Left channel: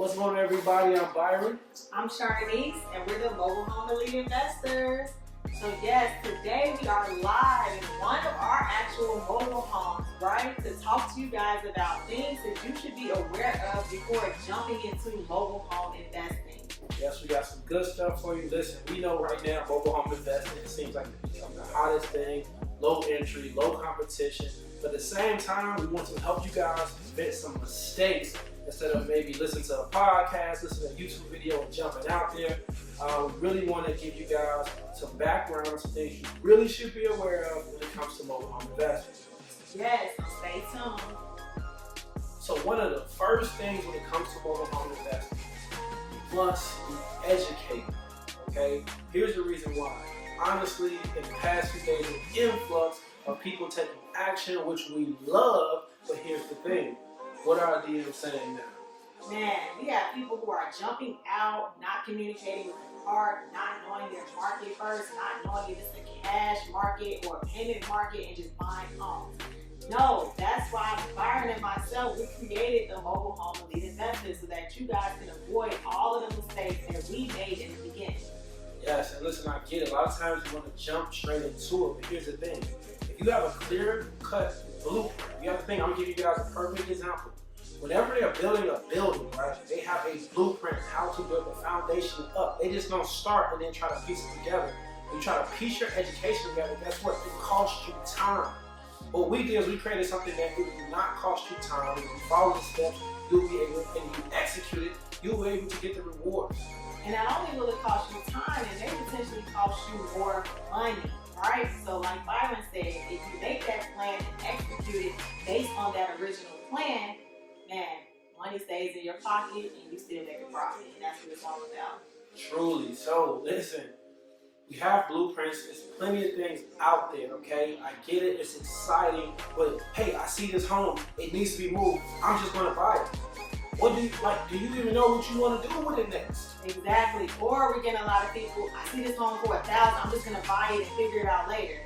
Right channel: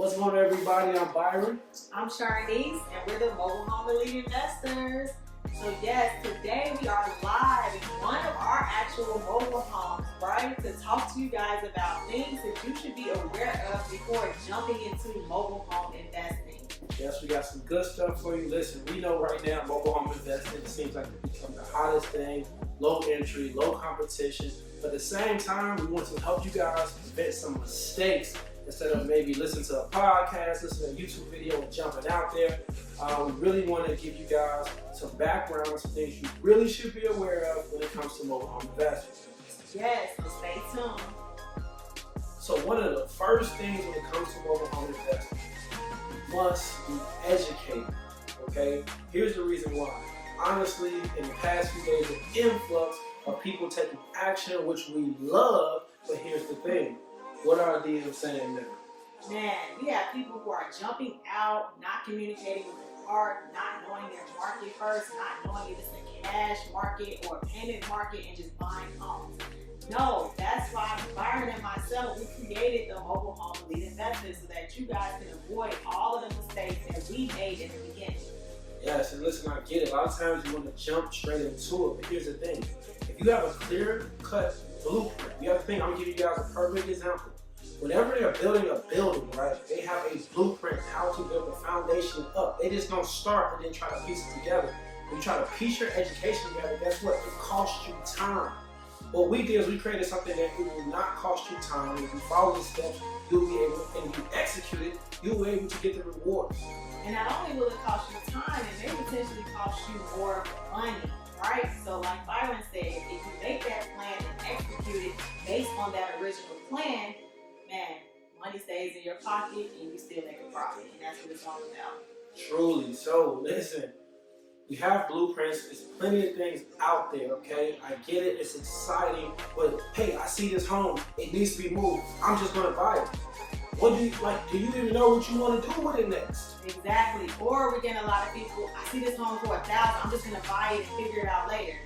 What's going on, everybody? I'm Byron. I'm Charnice, and we're the Mobile Home Elite Investors. So yes, today we are live in one of our actual mobile homes, right? To talk to you guys about things that you should be aware of before jumping into mobile home investing. Yes, we got some good stuff for you. Listen, we know right now mobile home investing seems like it's become the hottest thing. Low entry, low competition. But at the same time, we want to help you guys prevent some mistakes instead of maybe listening to a podcast, listening to a YouTube video and jumping out there. We really want to give you guys some background, some things you really should be aware of when it comes to mobile home investing. Yes, so stay tuned. So one of the first things when it comes to mobile home investing, you must be educated, okay? Here's the reason why. Honestly, in the past few days, an influx of people taking action, which we love, but here's the thing. What are DMs saying now? Man, we have people who are jumping out, not communicating with the park, not knowing their market first, not knowing if it's a cash market or a payment market, and just buying homes. No, that's why Byron and myself, we created the Mobile Home Elite Investors so that you guys can avoid all of the mistakes that we made in the beginning. Yes, and listen, I get it. A lot of times you want to jump straight into it, but here's the thing. If you have a clear-cut blueprint, the other thing, I'm going to give you guys a perfect example. Whenever they're building a building, right, they have a blueprint how to build the foundation up. They just don't start and then try to piece it together. When you try to piece your education together, guess what? It costs you time. What we did is we created something that it will not cost you time. If you follow the steps, you'll be able, and you execute it, you'll be able to get the rewards. And not only will it cost you time, it may potentially cost you more money, right? So like Byron said, if you make that plan and execute it based on that original plan, man, money stays in your pocket and you still make a profit. And that's what it's all about. Truly. So listen, we have blueprints. There's plenty of things out there, okay? I get it. It's exciting. But hey, I see this home. It needs to be moved. I'm just going to buy it. What do you like? Do you even know what you want to do with it next? Exactly. Or we're getting a lot of people, I see this home for $1,000, I'm just gonna buy it and figure it out later.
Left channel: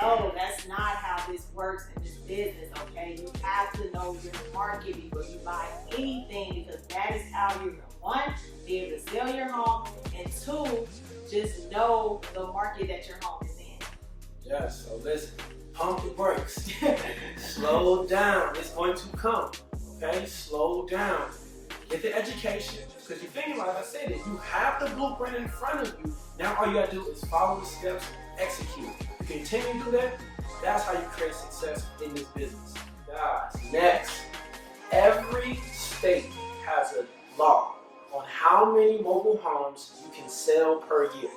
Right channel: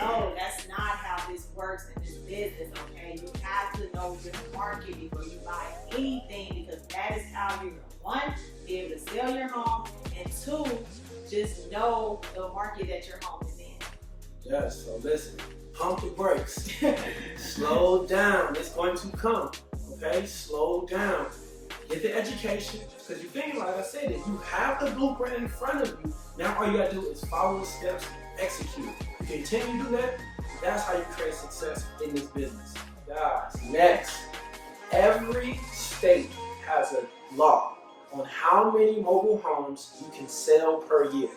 No, that's not how this works in this business, okay? You have to know your market before you buy anything, because that is how you're gonna, one, be able to sell your home, and two, just know the market that your home is in. Yes, so listen, pump the brakes. Slow down. It's going to come. Okay, slow down. Get the education, because you're thinking, like I said, if you have the blueprint in front of you, now all you gotta do is follow the steps, execute. If you continue to do that, that's how you create success in this business. Guys, next, every state has a law on how many mobile homes you can sell per year.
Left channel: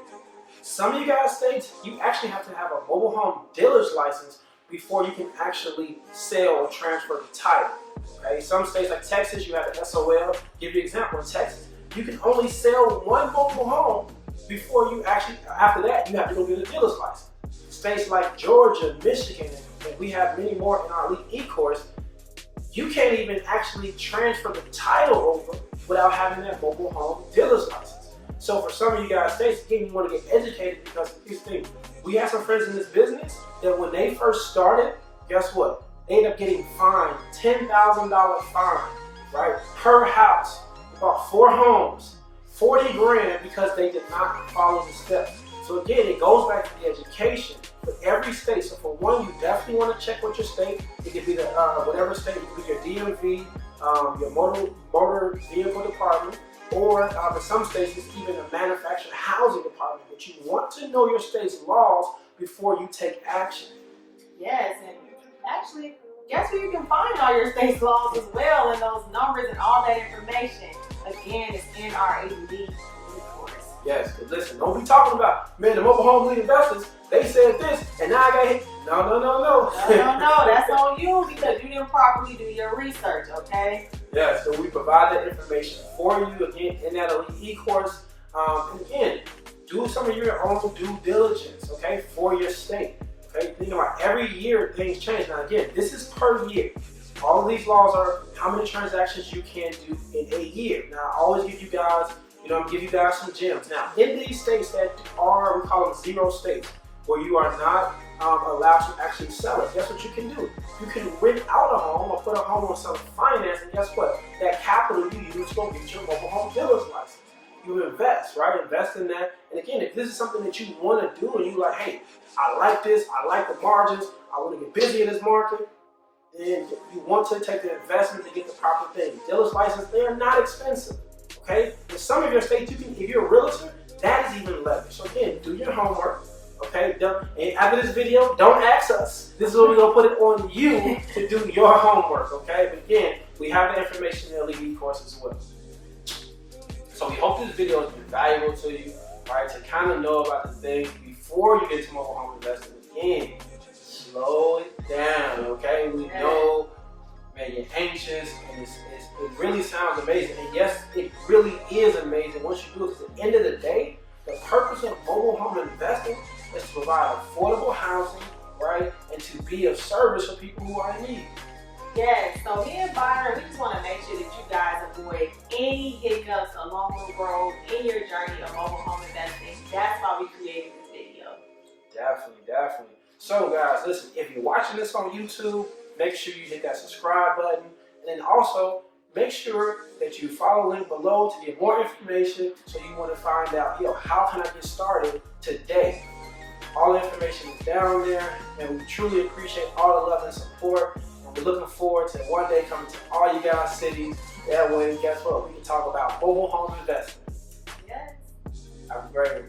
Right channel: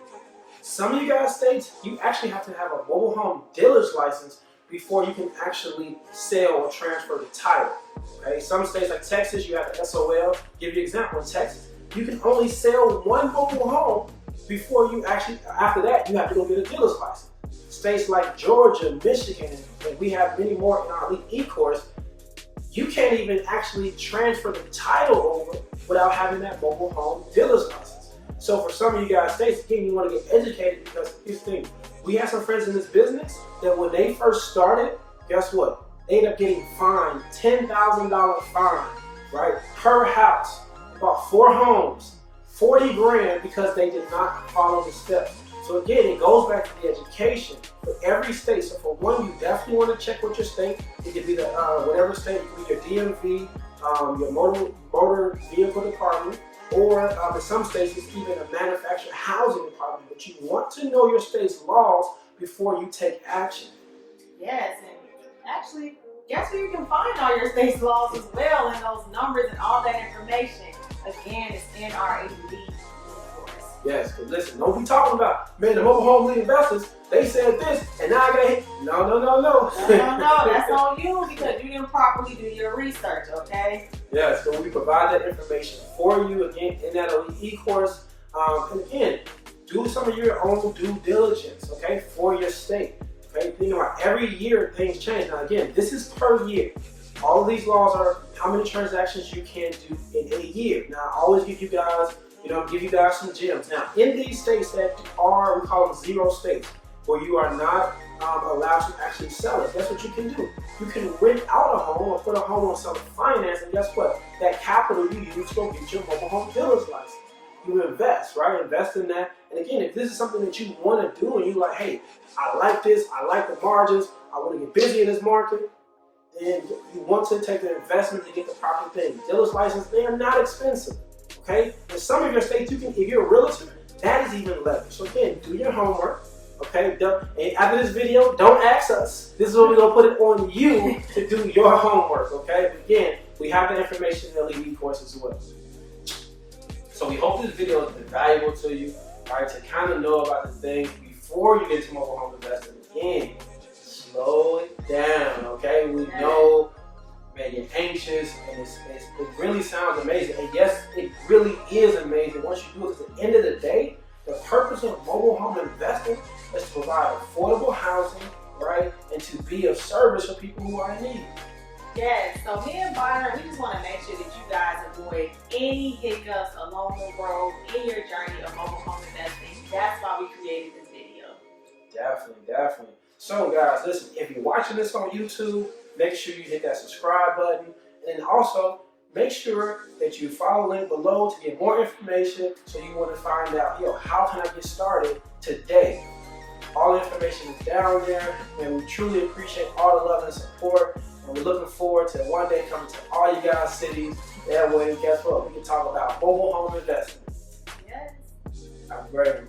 Some of you guys states, you actually have to have a mobile home dealer's license before you can actually sell or transfer the title. Okay, some states like Texas, you have an SOL. Give you an example, in Texas, you can only sell one mobile home before you actually, after that, you have to go get a dealer's license. States like Georgia, Michigan, and we have many more in our Elite E-course, you can't even actually transfer the title over without having that mobile home dealer's license. So for some of you guys states, again, you want to get educated, because here's the thing. We have some friends in this business that when they first started, guess what? They end up getting fined, $10,000 fine, right? Per house, about 4 homes, 40 grand, because they did not follow the steps. So again, it goes back to the education for every state. So for one, you definitely want to check with your state. It could be the whatever state, it could be your DMV, your motor vehicle department, or in some states, it's even a manufactured housing department. But you want to know your state's laws before you take action. Yes, and actually, guess where you can find all your state's laws as well, and those numbers and all that information. Again, it's in our Elite course. Yes, because listen, don't be talking about, man, the mobile home elite investors, they said this, and now I got hit. No. No, that's on you, because you didn't properly do your research, okay? Yeah, so we provide that information for you, again, in that Elite E-course. And again, do some of your own due diligence, okay, for your state. Okay, think about every year things change. Now again, this is per year. All of these laws are how many transactions you can do in a year. Now I always give you guys, some gems. Now in these states that are, we call them 0 states, where you are not allows you to actually sell it. Guess what you can do? You can rent out a home or put a home on some finance, and guess what? That capital you use to go get your mobile home dealer's license. You invest, right? Invest in that. And again, if this is something that you want to do and you're like, hey, I like this, I like the margins, I want to get busy in this market, then you want to take the investment to get the proper thing. Dealer's license, they are not expensive, okay? In some of your states, you can, if you're a realtor, that is even leverage. So again, do your homework, okay? And after this video, don't ask us. This is where we're going to put it on you to do your homework, okay? But again, we have the information in the LED course as well. So we hope this video has been valuable to you, right? To kind of know about the things before you get into mobile home investing. Again, slow it down, okay? We know, man, you're anxious, and it really sounds amazing. And yes, it really is amazing once you do it. Because at the end of the day, the purpose of mobile home investing is to provide affordable housing, right? And to be of service for people who are in need. Yes, so me and Byron, we just want to make sure that you guys avoid any hiccups along the road in your journey of mobile home investing. That's why we created this video. Definitely, definitely. So guys, listen, if you're watching this on YouTube, make sure you hit that subscribe button. And then also, make sure that you follow the link below to get more information so you want to find out, how can I get started today? All the information is down there, and we truly appreciate all the love and support. And we're looking forward to one day coming to all you guys' cities. That way, guess what? We can talk about mobile home investment. Yes. Have a great one.